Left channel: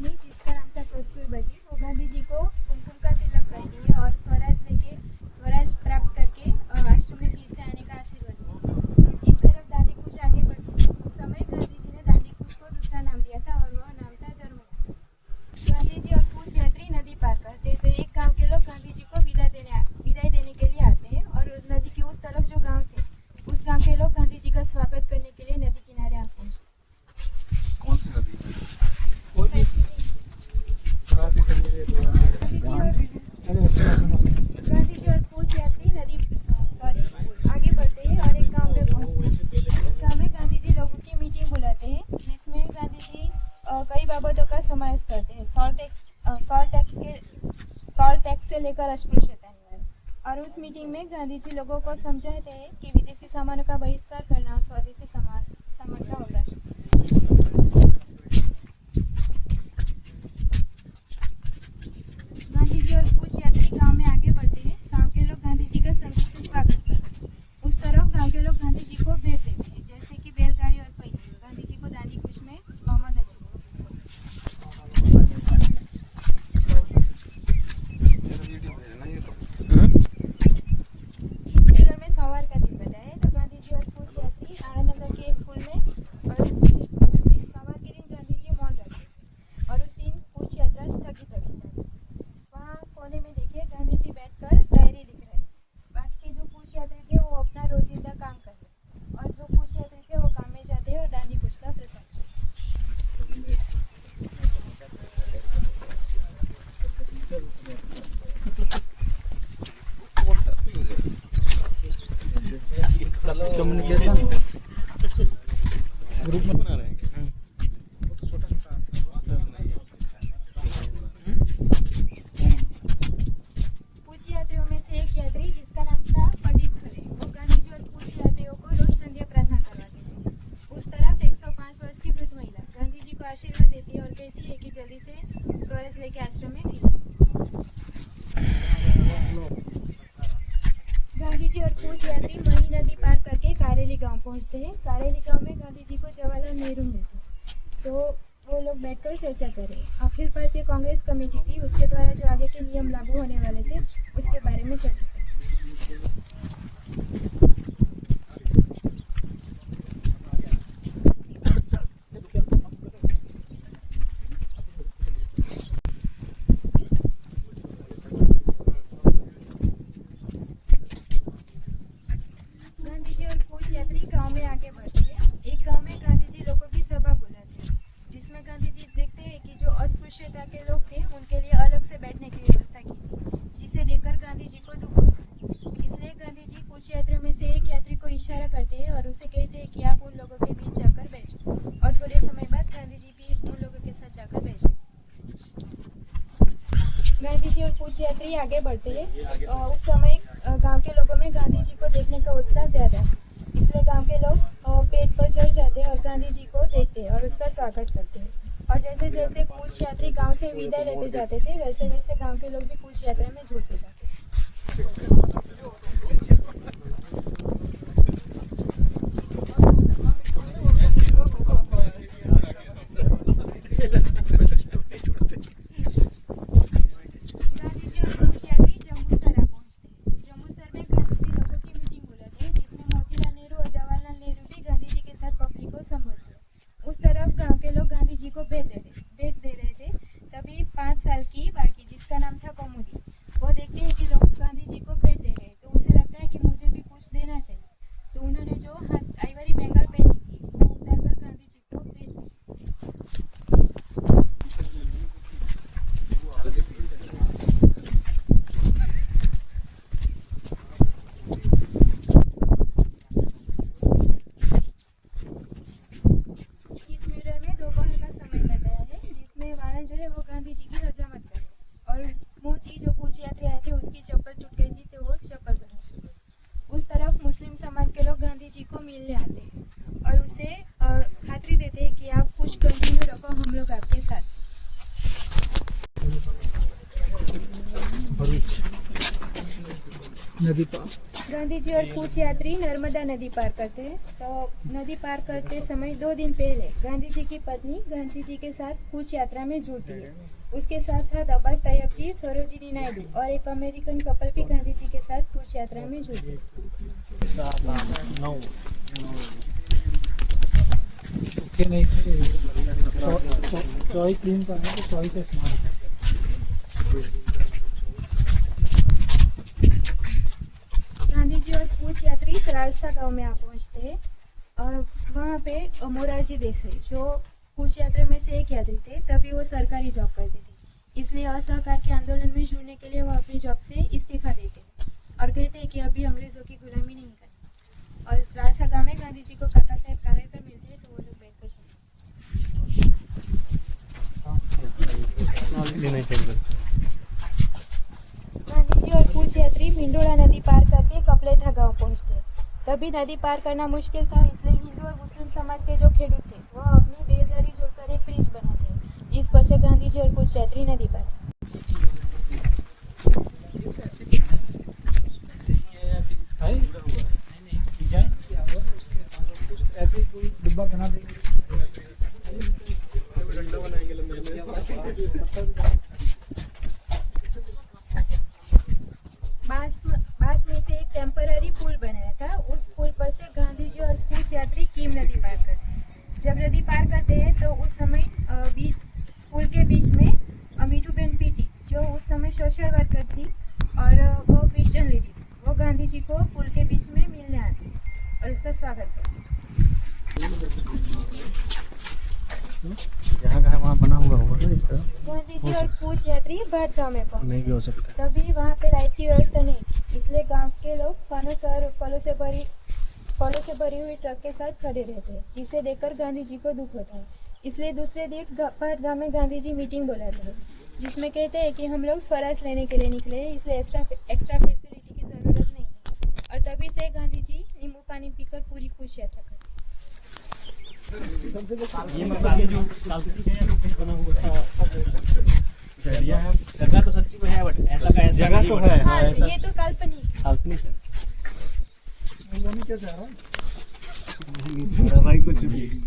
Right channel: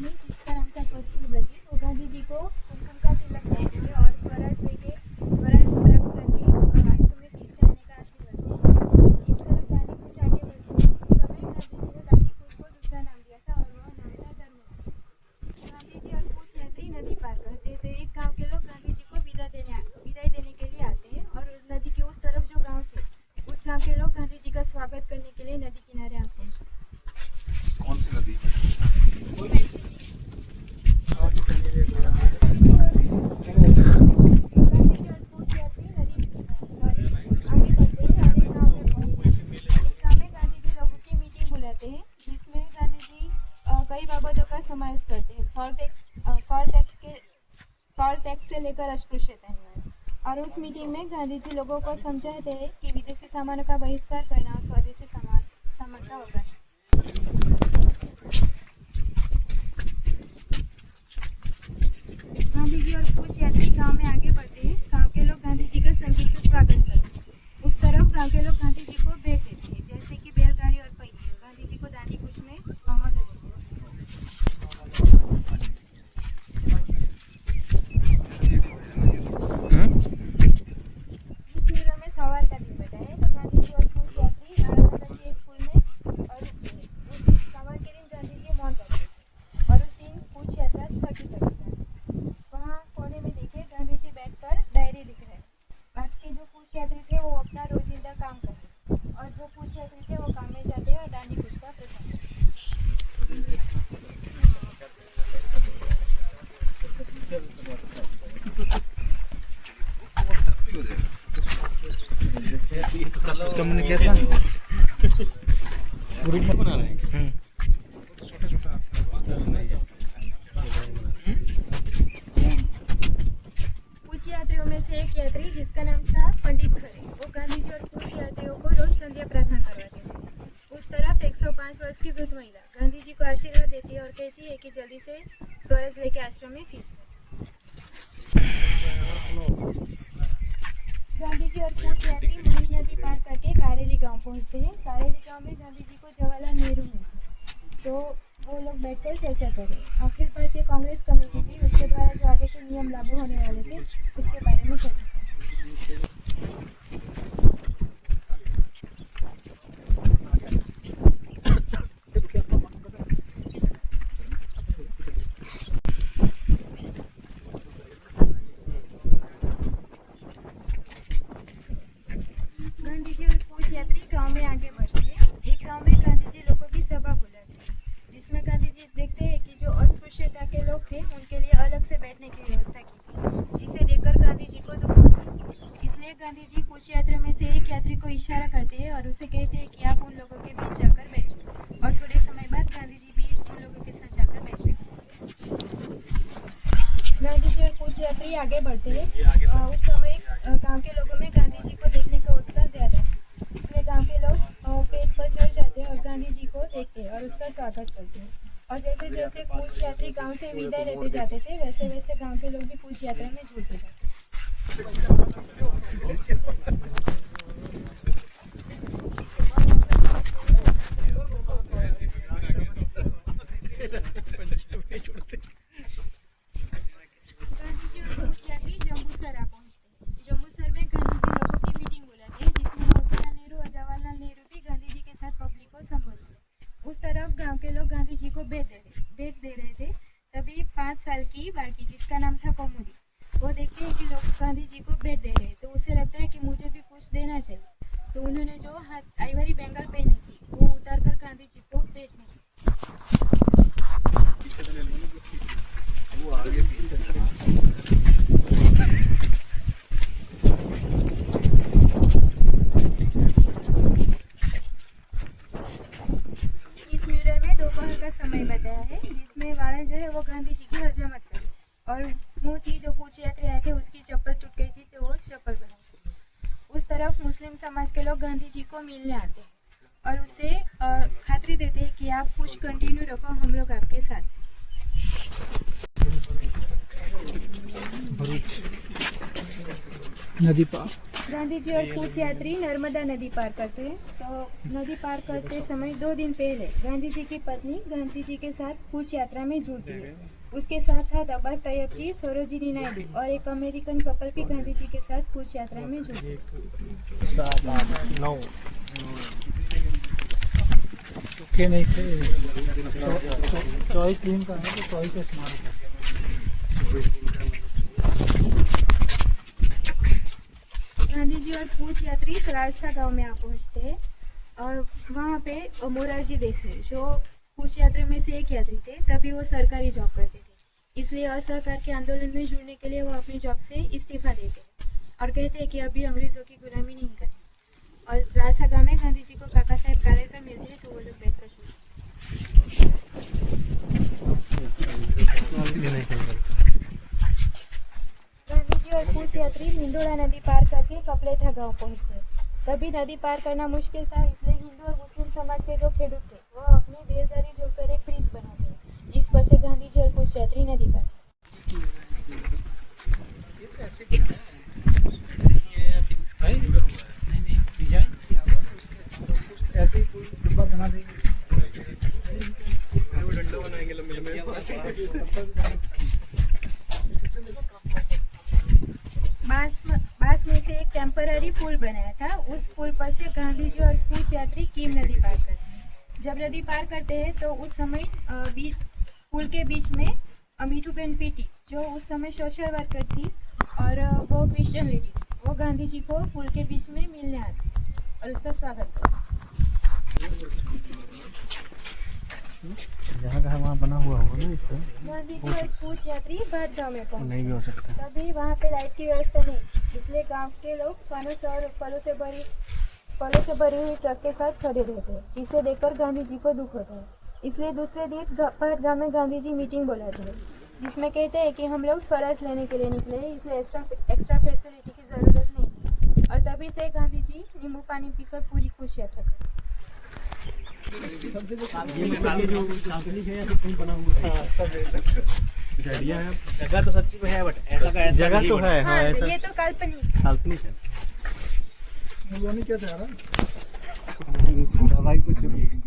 पत्नी जिसका नाम था कस्तूरबा जी, वो गांधी जी को कुमकुम का तिलक करके और स्वराज प्राप्त करके आश्रम में फिर से आने का आशीर्वाद दिया। इस तरफ दांडी कूच आगे बढ़ती है। उस समय गांधी जी ने दांडी कूच को दूसरा नाम दिया था और वह नाम था धर्म। गांधी जी और कूच यात्री नदी पार करते तो एक गांव के लोग गांधी जी को विदाई देने के लिए आते हैं और नदी के उस तरफ जो गांव थे उस गांव के लोग गांधी जी का स्वागत करने के लिए नदी किनारे आ पहुंचते। कौन सी नदी? गांधी जी और कूच यात्री आगे बढ़ते हैं और एक गांव में पहुंचते हैं। उस गांव में गांधी जी लोगों की मीटिंग बुलाते हैं जिसमें गांधी जी कई बाबतों का समावेश करते हैं। सॉल्ट टैक्स से लेकर अस्पृश्यता निवारण। और उस मीटिंग में गांधी जी लोगों को समझाते हैं कि विदेशी सामानों का बहिष्कार करना और स्वदेशी सामान का अवराशन। गांधी जी और कूच यात्री गांव में आगे बढ़ते हैं। गांव के लोग गांधी जी का संगीत से स्वागत करते हैं। उस तरफ गांव के लोग गांधी जी को भेंट देते हैं, जैसे कि बैलगाड़ी और पैसे। गांधी जी को दांडी कूच में मोहम्मद अली। इस फिगर में सवार का दिन बताया है। तो गांधी जी और कूच यात्री आनंदनगर के स्कूल में और सवार के दिन गांधी जी मौन रखते थे और उस दिन कूच यात्रा स्थगित रखी जाती है। वहाँ कोने में देखिए गांधी जी बैठकर डायरी लिख रहे हैं। बाकी जो कूच यात्री थे वो अपना रोजिंदा काम कर रहे हैं और जो कूच यात्री थे वो काम में जाते हैं और दांडी कूच का प्रचार करते हैं। कम्युनिकेशन ग्रुप में बना रहे हैं। तो छोटा छोटा कूच यात्रियों में से एक यात्री जिसका नाम था पंडित खरे, वो गांधी जी और कूच यात्रियों को रोज संध्या प्रार्थना करवाते थे। उस तरफ 105 वर्ष की वृद्ध महिला गांधी जी को आशीर्वाद देती है और कहती है कि जल्दी से स्वराज लेके आश्रम में फिर से। गांधी जी और कूच यात्री मही नदी पार करके कारेली गांव पहुंचते हैं। कारेली गांव में गांधी जी को जवाहरलाल नेहरू मिलते हैं तो वो लोग बैठकर चर्चा करें। अखिल भारतीय कांग्रेस कमेटी थी, उसके द्वारा जो आगे के नियम लागू होने वाले थे उसके बारे में चर्चा करें। गांधी जी और कूच यात्री गांव में आगे बढ़ते हैं। एक गांव में गांधी जी लोगों की सभा बुलाते हैं जिसमें गांधी जी देखते हैं कि जो अस्पृश्यता के लोग थे उनके लिए अलग से बैठने की व्यवस्था की थी, जिसे देखकर गांधी जी को दुख होता है। इसलिए गांधी जी कूच यात्रियों में से एक यात्री को इशारा करते हैं और उसे कहते हैं कि आप उन लोगों के बीच जाकर बैठो। और थोड़े समय बाद गांधी जी भी उन लोगों के साथ जाकर बैठे। गांधी जी और कूच यात्री आगे बढ़ते हैं। उस समय गांव के लोगों में गांधी जी को देखने का उत्साह ज्यादा है, इसलिए गांव के लोग पेड़ पर चढ़ जाते हैं और गांधी जी को देखते हैं और उसका स्वागत करते हैं। और जैसे जैसे कूच यात्री गांव से विदाई लेते जाते थे वैसे वैसे गांव के लोग भी कूच यात्रा में जुड़ते जाते थे। उस तरफ गांव के लोग गांधी जी को भेंट दे रहे थे। तभी 5 साल की बालकी जिसका नाम था कौमुदी, वो देखते हैं कि लोग गांधी जी को भेंट दे रहे हैं तो उसे लगता है कि मुझे भी कुछ देना चाहिए। तो उन्होंने जो आइवरी बेंगल पहनी थी वो उतार कर गांधी जी को भेंट दी। दोपहर का समय बताया है जिसमें वाणा जो है वो गांधी जी की हजामत कर और मोची जो कूच यात्री आए थे उसकी चप्पल टूट गई थी तो वो चप्पल बनाई। उस तरफ मुस्लिम समाज के लोग गांधी जी को मिलने आते हैं और उसे खातरी देते हैं कि आप कुछ कंटिन्यू रखो, हम लोग आपके साथ। नदी पार गांधी जी और कूच यात्री नर्मदा नदी पार करते हैं। तो नदी पार करते समय 2 दिन पहले गांधी जी की पत्नी गांधी जी के साथ कूच यात्रा में जुड़ती है। उसके साथ साथ अब्बास तैयब जी, सरोजिनी नायडू और एक अमेरिकन कपल भी गांधी जी के साथ कूच यात्रा में जुड़ते हैं। 7, 8, 9 के नहीं थे। 24 दिन का है तो 24 स्मारक है। गांधी जी और कूच यात्री राजसा गांव में आ पहुंचते हैं और वहाँ पे मोरारजी देसाई जो कूच यात्रा में से एक यात्री थे, तभी वो सरकारी जॉब करते थे। इसलिए असहकार के आंदोलन में जुड़ने के लिए वो अपनी जॉब से इस्तीफा देते हैं और कहते हैं कि अभी अंग्रेज़ों की गुलामी नहीं करनी। और राजसा गांव में गांधी जी को काका साहेब कालेलकर मिलते हैं, तो वो लोग बैठकर गांधी जी और कूच यात्री मिंडोला नदी पार करके कपलेथा गांव पहुंचते हैं। तभी नदी पार करना मुश्किल था, इसलिए हिंदू और मुस्लिम समाज के जो खेडूत थे वह अपनी बैलगाड़ी जोड़कर एक ब्रिज बनाते हैं, जिस पर से गांधी जी और कूच यात्री नदी पार। नहीं डिजाइन किया हुआ है, उसके साथ कुछ ऐसे ही कोई डिब्बा बना देंगे। डंडा बनाएंगे लंबे बांस में से एक टेम्पररी पुल बनाया था। उस पुल पर से गांधी जी और कूच यात्री कीम नदी पार करते हैं। जब नदी पार करते हैं तो उस समय पुल के बीच में मीठूबेन पीटी, जो उस समय सोशल वर्कर थी और वो क्रिश्चियन लेडी थी, वो गांधी जी को पुल के बीच में मिलने आती और उसका स्वागत करती। जहाँ कहाँ वहाँ बना हुआ होगा ना इस तरह। गांधी जी और कूच यात्री भट गाँव में पहुंचते नहीं भी हो सकता। तभी वहाँ पे लाइट की व्यवस्था नहीं, इसलिए गांव के लोग फनस और फलों से भरी हुई ट्रक के साथ खड़े रहते हैं, जिसे देखकर गांधी जी को दुख होता है। इसलिए दूसरे दिन भट गाँव में गांधी जी मीटिंग बुलाते हैं, जिसमें कहते हैं कि हम लोग स्वराज लेने के लिए निकले हैं, इसलिए एक्स्ट्रा फैसिलिटी की ज़रूरत नहीं है। और तभी से गांधी जी नींबू पानी पीकर पूरी कूच यात्रा करते। जगह तो सच्ची में है, बट ऐसा का ऐसा जगह तो है। हाँ, ये तो काल्पनिक है।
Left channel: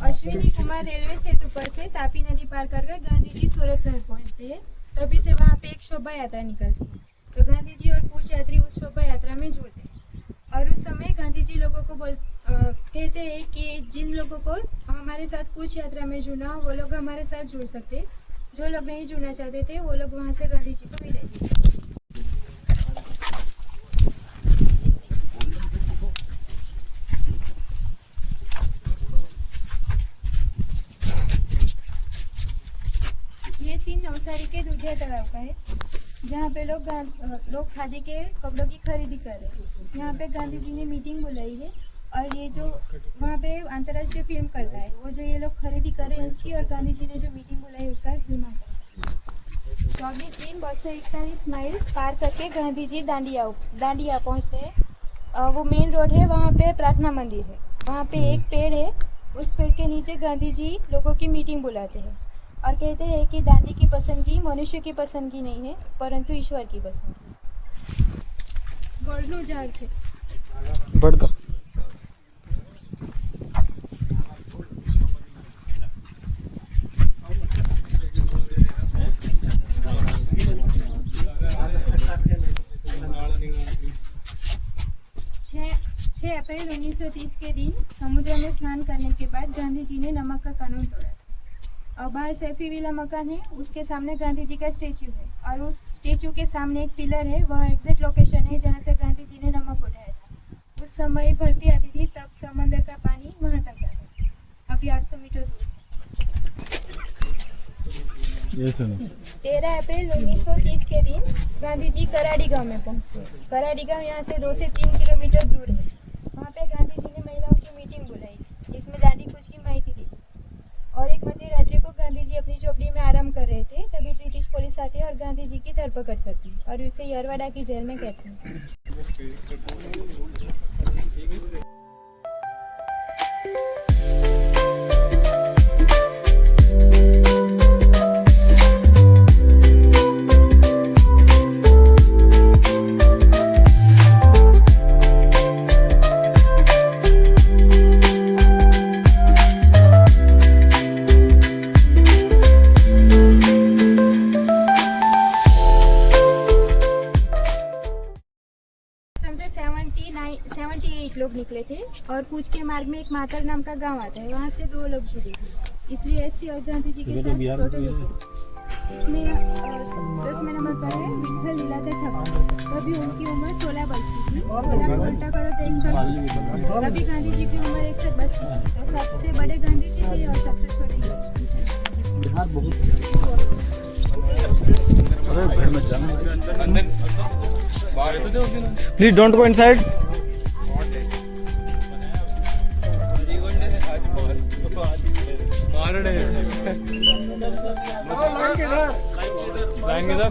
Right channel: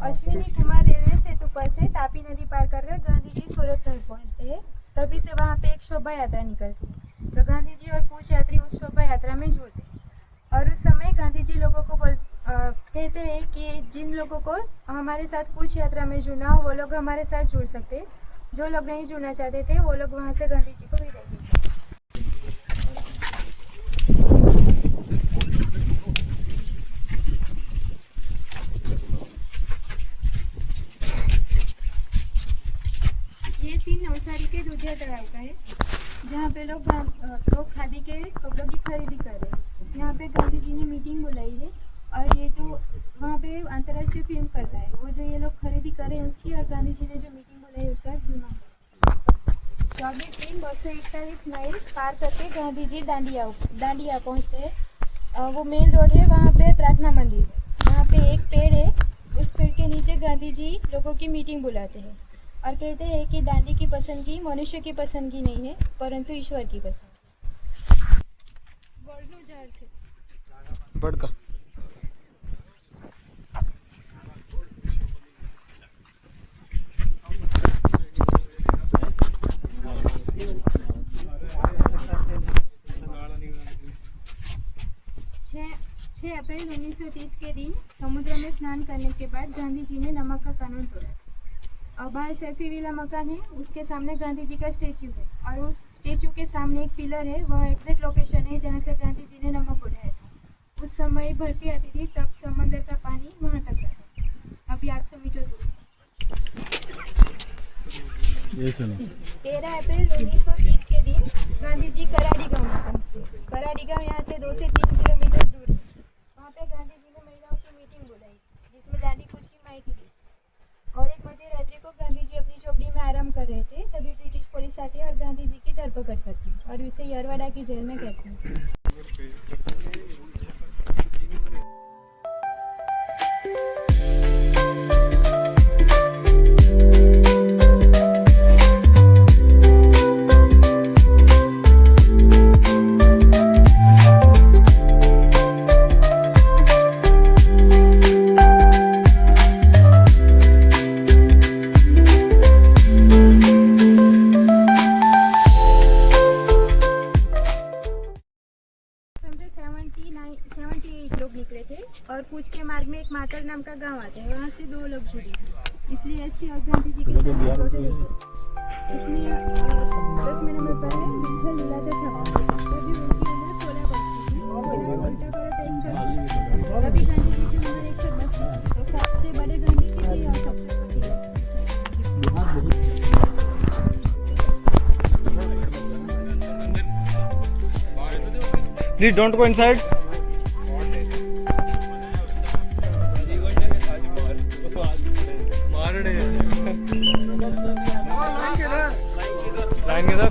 अश्विनी कुमार रेलवे सेतु पर से तापी नदी पार कर गांधी जी सूरत शहर पहुंचते हैं। तभी से वहां पे एक शोभा यात्रा निकलती है, तो गांधी जी और कूच यात्री उस शोभा यात्रा में जुड़ते हैं। और उस समय गांधी जी लोगों को कहते हैं कि जिन लोगों को हमारे साथ कूच यात्रा में जुड़ना हो वो लोग हमारे साथ जुड़ सकते हैं, जो लोग नहीं जुड़ना चाहते थे वो लोग वहाँ से गांधी जी को विदाई देते। ये सीन नवसारी के दूधिया तालाब का है, जहाँ पे लोग खादी के कपड़ों की खरीदी कर रहे हैं। यहाँ पे गांधी जी ने मीटिंग बुलाई है और ये जो वहाँ पे अंतर्राष्ट्रीय फिल्म करता है वो जो ये लोग खरीदी कर रहे हैं उसकी, और गांधी जी ने जो मीटिंग बुलाई उसका विमान। 24 दिन 241 माइल पार करके गांधी जी दांडिया पहुँचते हैं। वो मेन रोड है, वहाँ पे प्रार्थना मंदिर है, वहाँ पे एक पेड़ है, उस पेड़ के नीचे गांधी जी लोगों की मीटिंग बुलाते हैं और कहते हैं कि दांडी की पसंदगी मनुष्य की पसंदगी नहीं है, परंतु ईश्वर की पसंदगी। गोल्डनू झाड़ से बड़का 6 अप्रैल 1930 के दिन समुद्र में स्नान करने के बाद गांधी जी ने नमक का कानून तोड़ा था। और बाहर सैफी विला मकान है, उसके सामने गांधी जी का स्टेचू है और उस स्टेचू के सामने एक पिलर है, वह एग्जैक्ट लोकेशन है जहाँ से गांधी जी ने नमक उठाया था। उस समय भरती आती थी, तब समंदर का पानी वहाँ तक जाता था, अभी 800 मीटर दूर। ये सुनो 13 अप्रैल 1930 के दिन गांधी जी कराड़ी गांव में पहुँचते हैं। कराड़ी गांव यहाँ से 2 से 3 किलोमीटर दूर है। वहाँ पे गांधी जी ने महिलाओं की मीटिंग बुलाई थी, जिसमें दांडी कूच की माहिती दी और एक मध्य रात्रि को गांधी जी अपनी झोपड़ी में आराम कर रहे थे, तभी ब्रिटिश पुलिस आती है और गांधी जी की धरपकड़ करती है और उसे यरवाड़ा की जेल में कहते हैं। कूच के मार्ग में एक मातर नाम का गांव आता है, वहाँ से 2 लोग जुड़े थे, इसलिए एससी और गांधी जी के साथ फोटो लेते। इसमें 10 नंबर पर है विठल लीलाधर ठाकुर। अभी उनकी उम्र 16 वर्ष की थी। 16 को उल्टा करो तो 61। अभी गांधी जी की उम्र 110 वर्ष की थी। तो सबसे बड़े गांधी जी थे और सबसे छोटे ये। बिहार बहुत Please don't go inside. Line किधर?